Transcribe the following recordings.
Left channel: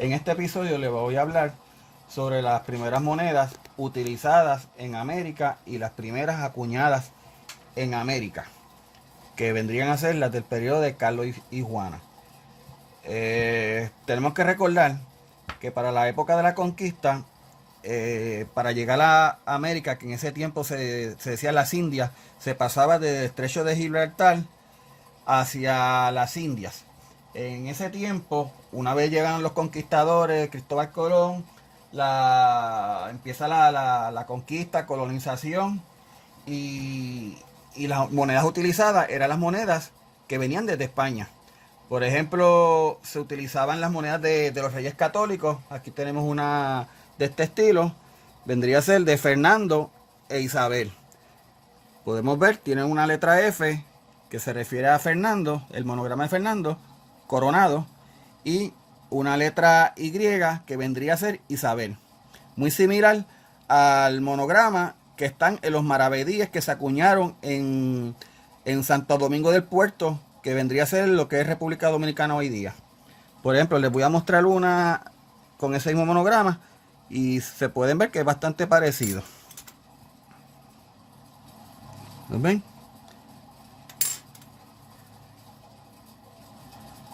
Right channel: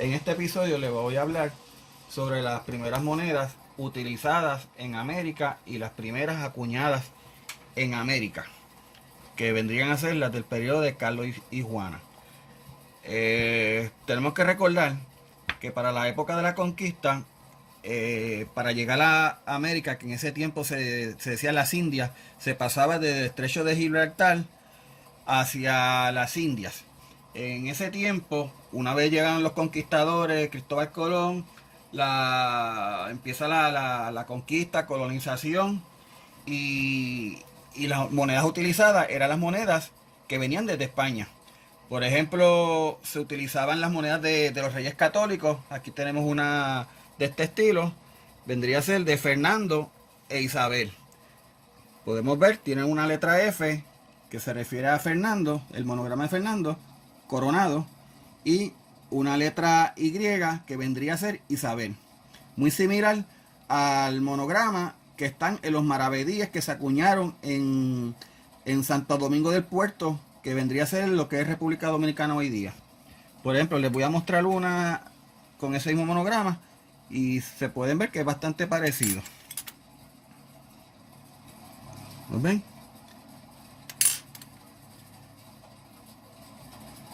En este episodio les voy a hablar sobre las primeras monedas utilizadas en América y las primeras acuñadas en América, que vendrían a ser las del periodo de Carlos y Juana. Tenemos que recordar que para la época de la conquista, para llegar a América, que en ese tiempo se decía las Indias, se pasaba desde el estrecho de Gibraltar hacia las Indias. En ese tiempo, una vez llegan los conquistadores, Cristóbal Colón, empieza la conquista, colonización, y, y las monedas utilizadas eran las monedas que venían desde España. Por ejemplo, se utilizaban las monedas de los reyes católicos. Aquí tenemos una de este estilo. Vendría a ser de Fernando e Isabel. Podemos ver, tiene una letra F que se refiere a Fernando, el monograma de Fernando, coronado, y una letra Y que vendría a ser Isabel. Muy similar al monograma que están en los maravedíes que se acuñaron en Santo Domingo del Puerto, que vendría a ser lo que es República Dominicana hoy día. Por ejemplo, les voy a mostrar una con ese mismo monograma y se pueden ver que es bastante parecido. ¿Lo ven?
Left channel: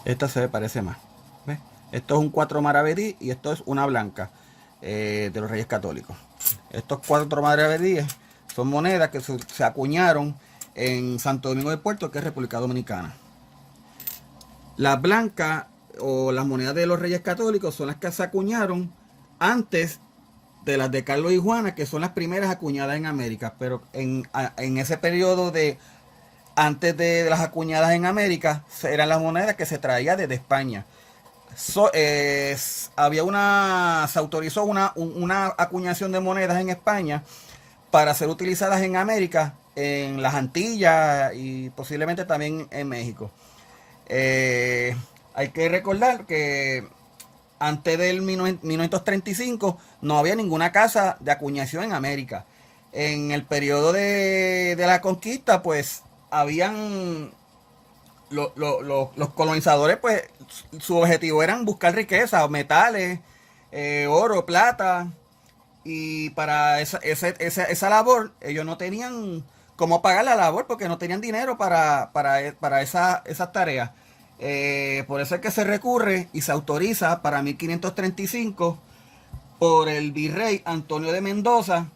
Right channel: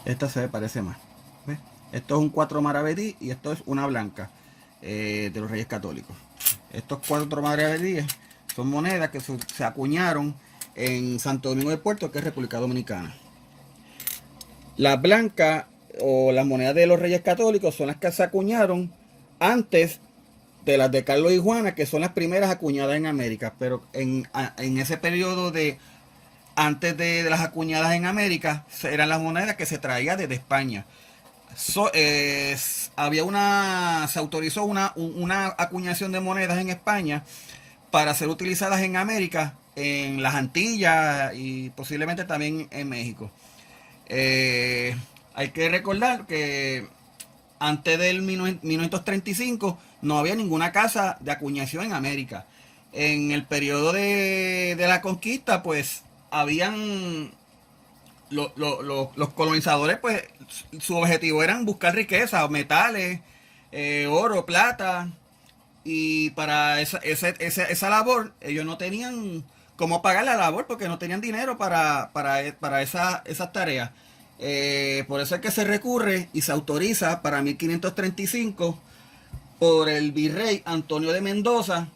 Esta se parece más. ¿Ves? Esto es un 4 maravedí y esto es una blanca de los Reyes Católicos. Estos 4 maravedíes son monedas que se acuñaron en Santo Domingo del Puerto, que es República Dominicana. Las blancas o las monedas de los Reyes Católicos son las que se acuñaron antes de las de Carlos y Juana, que son las primeras acuñadas en América. Pero en ese periodo de antes de las acuñadas en América, eran las monedas que se traían desde España. Se autorizó una acuñación de monedas en España para ser utilizadas en América, en las Antillas y posiblemente también en México. Hay que recordar que antes del 1935 no había ninguna casa de acuñación en América. En el periodo de la conquista, pues habían los colonizadores, pues su objetivo era buscar riqueza, metales, oro, plata, y para esa labor ellos no tenían cómo pagar la labor porque no tenían dinero para esas tareas. Por eso es que se recurre y se autoriza para 1535 por el virrey Antonio de Mendoza,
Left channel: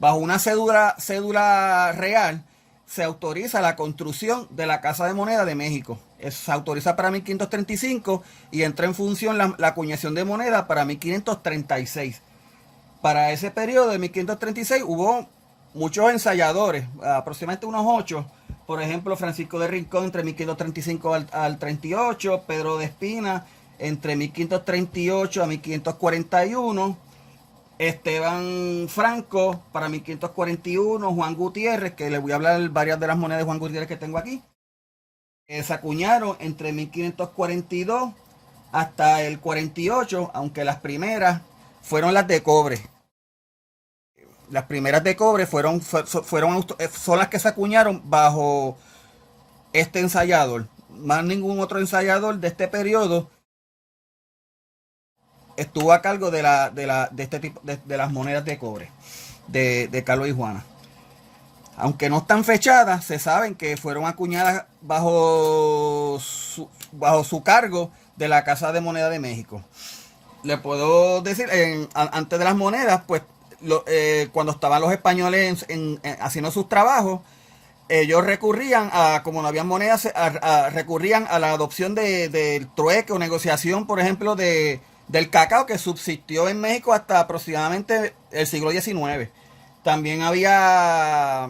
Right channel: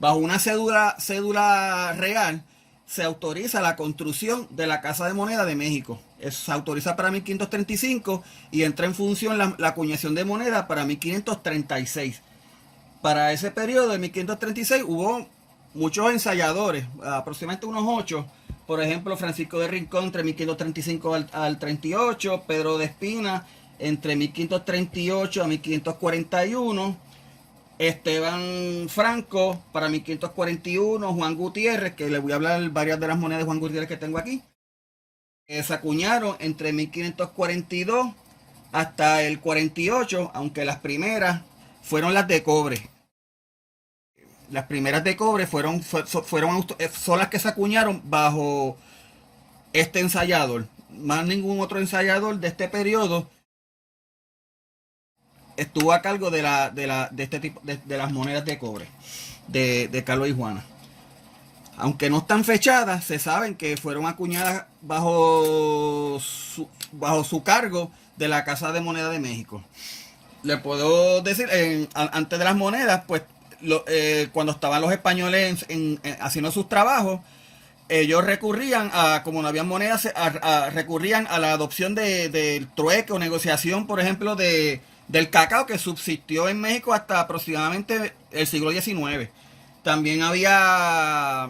bajo una cédula real, se autoriza la construcción de la Casa de Moneda de México. Se autoriza para 1535 y entra en función la acuñación de moneda para 1536. Para ese periodo de 1536 hubo muchos ensayadores, aproximadamente unos 8. Por ejemplo, Francisco de Rincón entre 1535 al 38, Pedro de Espina entre 1538 a 1541, Esteban Franco para 1541, Juan Gutiérrez, que les voy a hablar varias de las monedas de Juan Gutiérrez que tengo aquí, se acuñaron entre 1542 hasta el 48, aunque las primeras fueron las de cobre. Las primeras de cobre son las que se acuñaron bajo este ensayador. Más ningún otro ensayador de este periodo estuvo a cargo de este tipo de las monedas de cobre de Carlos y Juana. Aunque no están fechadas, se saben que fueron acuñadas bajo su cargo de la Casa de Moneda de México. Le puedo decir, antes de las monedas, pues cuando estaban los españoles haciendo sus trabajos, ellos recurrían como no había monedas, recurrían a la adopción del trueque o negociación, por ejemplo, del cacao, que subsistió en México hasta aproximadamente el siglo XIX. También había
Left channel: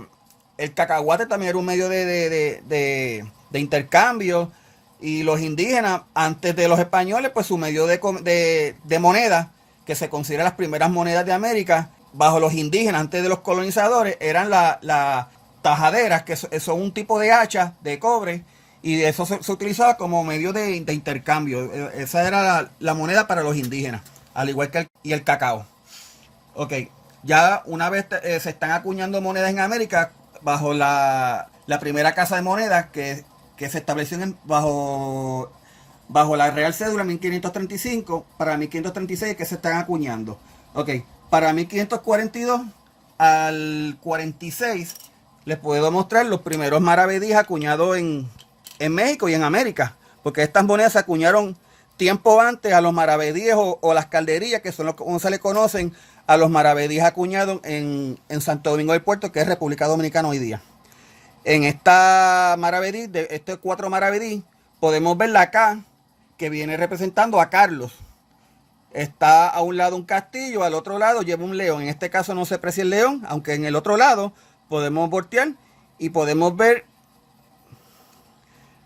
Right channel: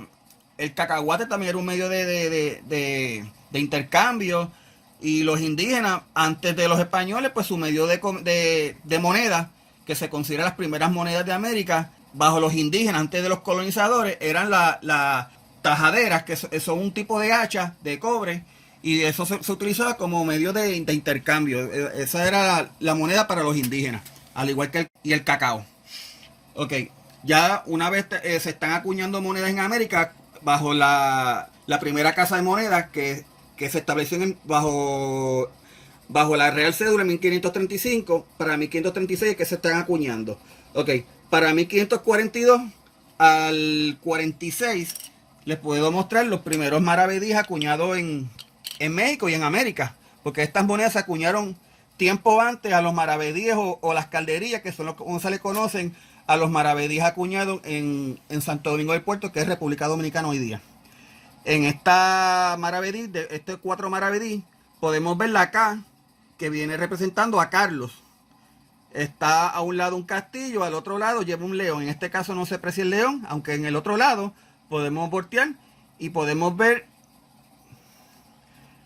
el cacahuate, también era un medio de intercambio. Y los indígenas, antes de los españoles, pues su medio de moneda, que se considera las primeras monedas de América, bajo los indígenas, antes de los colonizadores, eran las tajaderas, que son un tipo de hacha de cobre, y eso se utilizaba como medio de intercambio. Esa era la moneda para los indígenas, al igual que el cacao. Ok, ya una vez se están acuñando monedas en América bajo la primera casa de monedas, que que se estableció bajo la Real Cédula 1535, para 1536 es que se están acuñando. Ok, para 1542 al 46 les puedo mostrar los primeros maravedíes acuñados en México y en América, porque estas monedas se acuñaron tiempo antes a los maravedíes o las calderillas, que son como se le conocen a los maravedíes acuñados en Santo Domingo del Puerto, que es República Dominicana hoy día. En esta maravedí, de estos 4 maravedí, podemos ver la K, que viene representando a Carlos. Está a un lado un castillo, al otro lado lleva un león. En este caso no se aprecia el león, aunque en el otro lado podemos voltear y podemos ver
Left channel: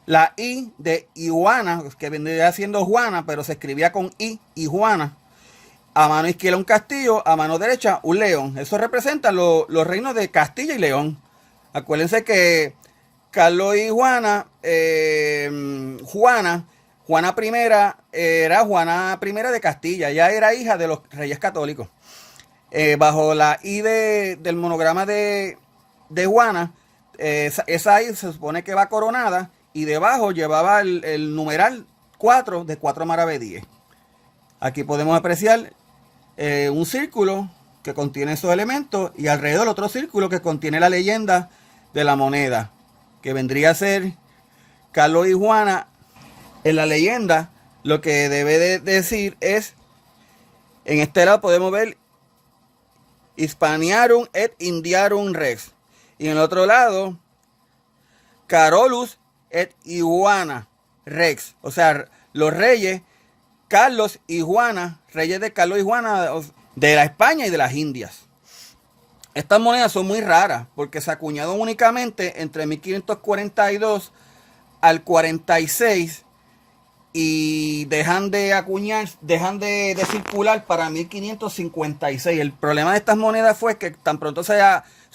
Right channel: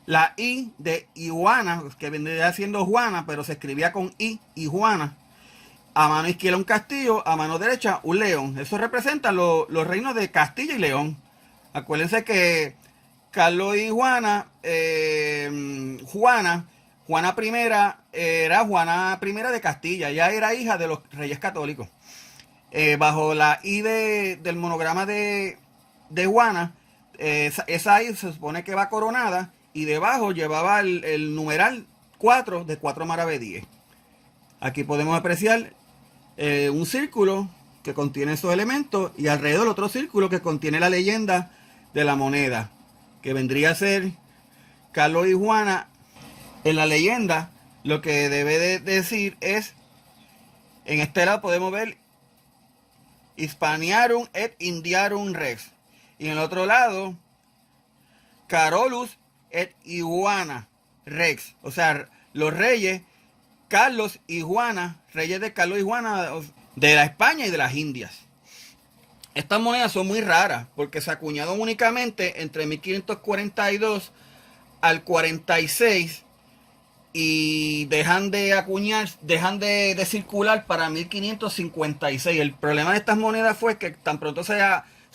la I de Iguana, que vendría siendo Juana, pero se escribía con I, Juana. A mano izquierda un castillo, a mano derecha un león. Eso representa los reinos de Castilla y León. Acuérdense que Carlos y Juana, Juana I era Juana I de Castilla. Ella era hija de los reyes católicos. Bajo la I del monograma de Juana, esa I se supone que va coronada y debajo llevaba el numeral 4 de 4 maravedíes. Aquí podemos apreciar un círculo que contiene esos elementos y alrededor otro círculo que contiene la leyenda de la moneda, que vendría a ser Carlos y Juana. En la leyenda lo que debe de decir es, en este lado podemos ver Hispaniarum et Indiarum Rex, y en el otro lado Carolus et Iguana Rex, o sea, los reyes Carlos y Juana, reyes de Carlos y Juana de la España y de las Indias. Estas monedas son muy raras porque se acuñaron únicamente entre 1542 al 46 y dejan de acuñar, dejan de circular para 1556. El problema de estas monedas fue que tan pronto se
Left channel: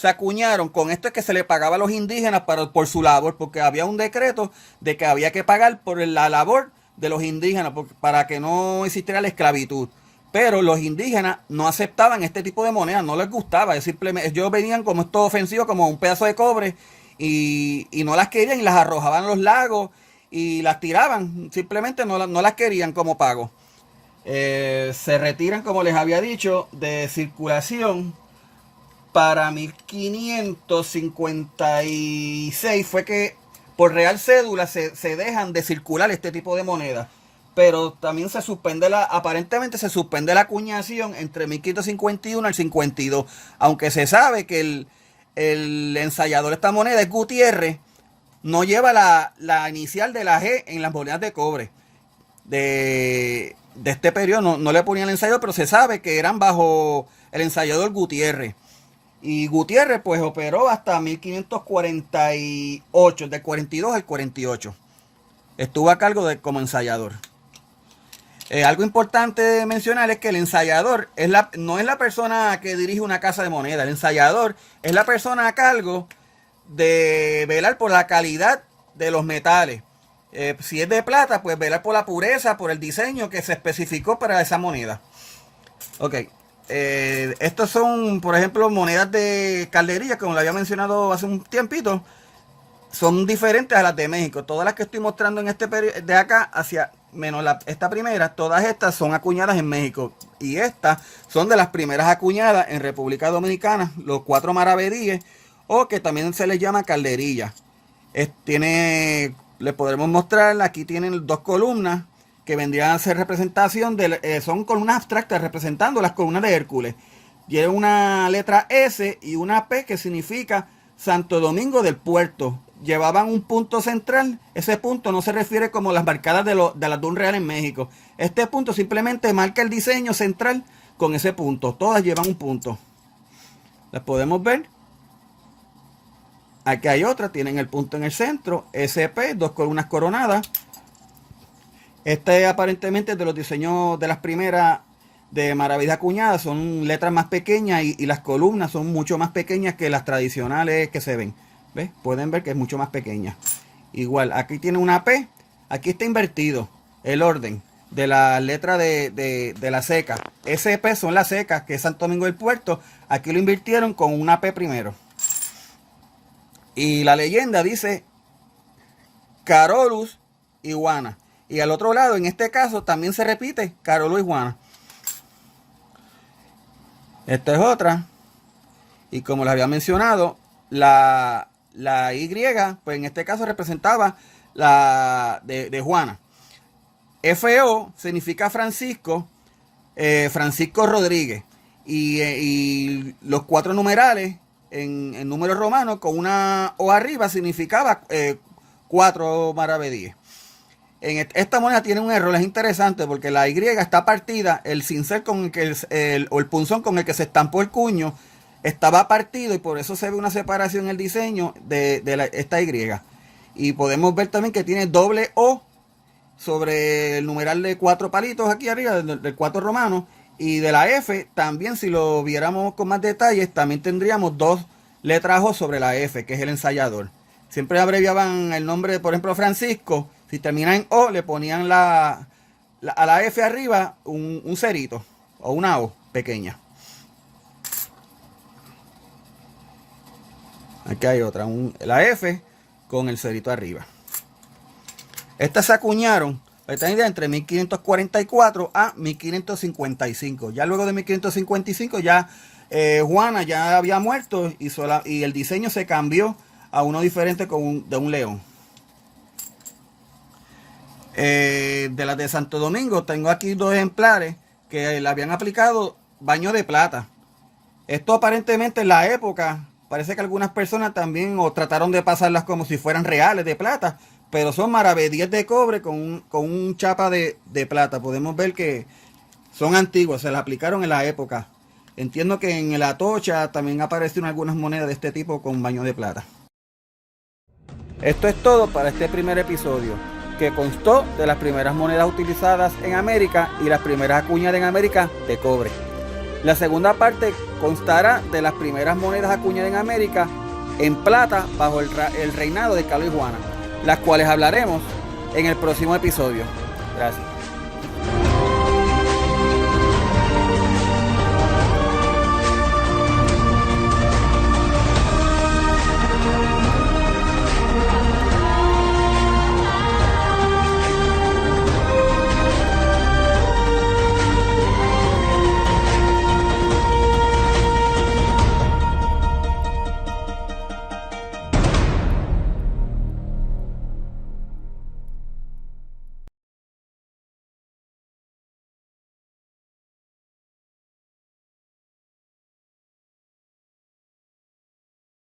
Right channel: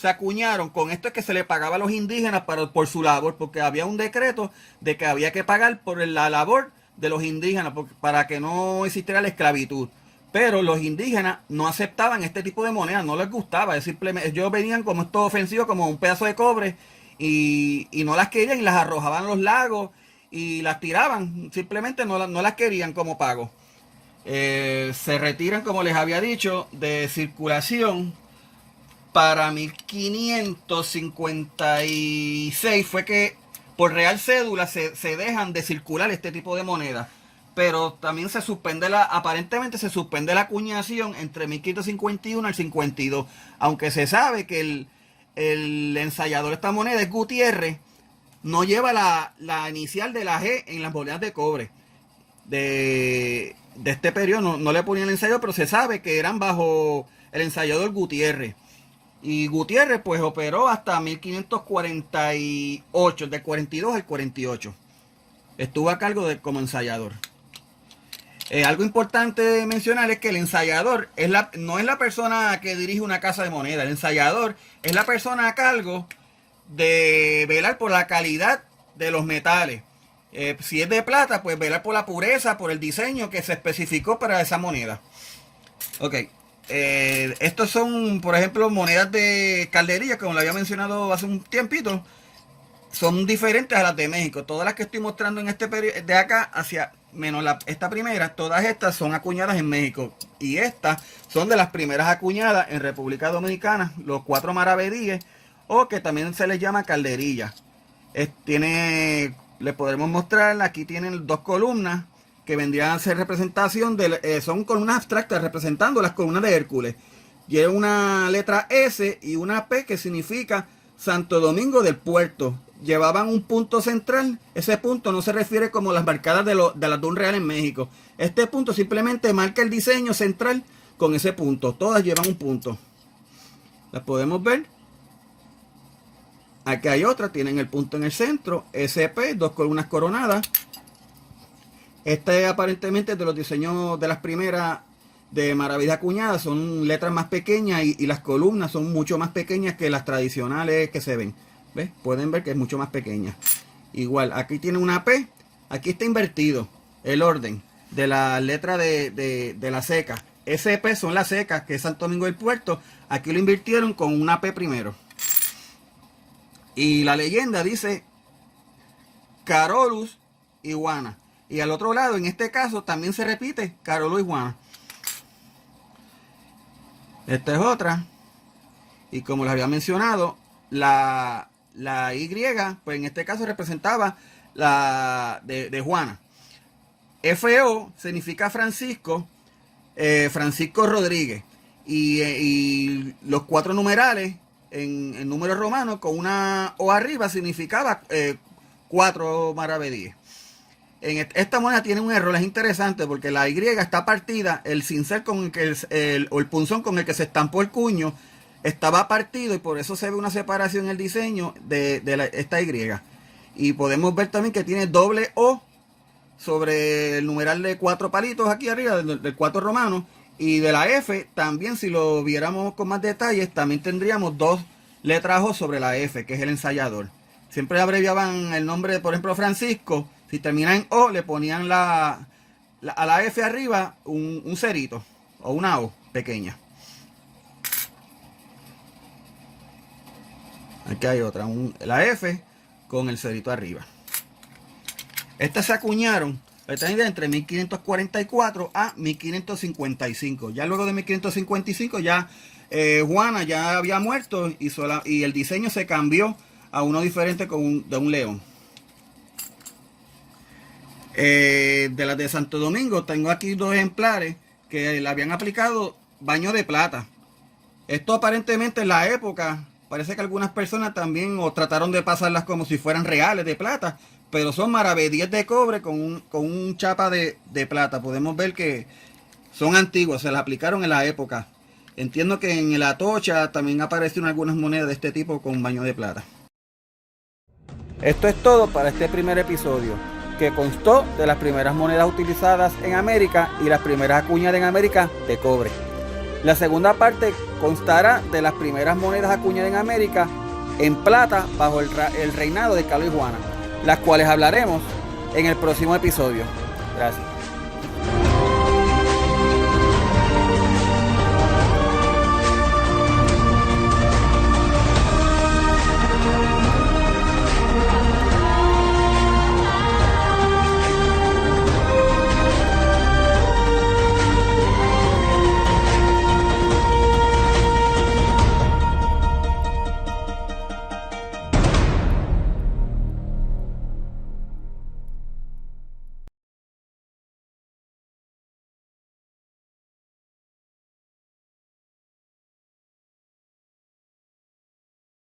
acuñaron, con esto es que se le pagaba a los indígenas por su labor, porque había un decreto de que había que pagar por la labor de los indígenas para que no existiera la esclavitud. Pero los indígenas no aceptaban este tipo de monedas, no les gustaba. Simplemente ellos venían como esto ofensivo, como un pedazo de cobre, y no las querían y las arrojaban a los lagos y las tiraban. Simplemente no las querían como pago. Se retiran, como les había dicho, de circulación para 1556. Fue que por Real Cédula se dejan de circular este tipo de monedas. Pero también se suspende aparentemente se suspende la acuñación entre 1551 al 52. Aunque se sabe que el ensayador de esta moneda es Gutiérrez, no lleva la inicial de la G en las monedas de cobre de este periodo. No le ponían el ensayador, pero se sabe que eran bajo el ensayador Gutiérrez. Y Gutiérrez pues operó hasta 1548, del 42 al 48. Estuvo a cargo como ensayador. Algo importante mencionar es que el ensayador no es la persona que dirige una casa de moneda. El ensayador es la persona a cargo de velar por la calidad de los metales. Si es de plata, pues velar por la pureza, por el diseño que se especificó para esa moneda. Ok. Estos son, por ejemplo, monedas de calderilla, como lo había mencionado hace un tiempito. Son diferentes a las de México. Todas las que estoy mostrando en este periodo de acá hacia menos esta primera, todas estas son acuñadas en México. Y estas son de las primeras acuñadas en República Dominicana, los 4 maravedíes, o que también se les llama calderilla. Les podremos mostrar, aquí tienen 2 columnas que vendrían a ser representación son columnas abstractas representando las columnas de Hércules. Tiene una letra S y una P que significa Santo Domingo del Puerto. Llevaban un punto central. Ese punto no se refiere como las marcadas de las de un real en México. Este punto simplemente marca el diseño central con ese punto. Todas llevan un punto. Las podemos ver. Aquí hay otra, tienen el punto en el centro. SP, 2 columnas coronadas. Este aparentemente de los diseños de las primeras de maravillas acuñadas. Son letras más pequeñas y las columnas son mucho más pequeñas que las tradicionales que se ven. ¿Ves? Pueden ver que es mucho más pequeña. Igual, aquí tiene una P. Aquí está invertido el orden de la letra de la seca. SP son las secas, que es Santo Domingo del Puerto. Aquí lo invirtieron con una P primero. Y la leyenda dice Carolus y Juana. Y al otro lado, en este caso, también se repite Carolus y Juana. Esta es otra. Y como les había mencionado, la Y, pues en este caso representaba la de Juana. FO significa Francisco, Francisco Rodríguez. Y los 4 numerales en números romanos con una O arriba significaba 4 maravedíes. Esta moneda tiene un error, es interesante porque la Y está partida, el cincel con el que o el punzón con el que se estampó el cuño estaba partido y por eso se ve una separación en el diseño de esta Y. Y podemos ver también que tiene doble O sobre el numeral de 4 palitos aquí arriba, del 4 romano. Y de la F también, si lo viéramos con más detalles, también tendríamos 2 letras O sobre la F, que es el ensayador. Siempre abreviaban el nombre, por ejemplo, Francisco. Si termina en O, le ponían a la F arriba un cerito o una O pequeña. Aquí hay otra, la F con el cerito arriba. Estas se acuñaron entre 1544 a 1555. Ya luego de 1555 ya Juana ya había muerto y el diseño se cambió a uno diferente de un león. De las de Santo Domingo tengo aquí 2 ejemplares que le habían aplicado baño de plata. Esto aparentemente en la época parece que algunas personas también trataron de pasarlas como si fueran reales de plata, pero son maravedíes de cobre con un chapa de plata. Podemos ver que son antiguos, se las aplicaron en la época. Entiendo que en el Atocha también aparecieron algunas monedas de este tipo con baño de plata. Esto es todo para este primer episodio, que constó de las primeras monedas utilizadas en América y las primeras acuñadas en América de cobre. La segunda parte constará de las primeras monedas acuñadas en América en plata bajo el reinado de Carlos y Juana, las cuales hablaremos en el próximo episodio. Gracias.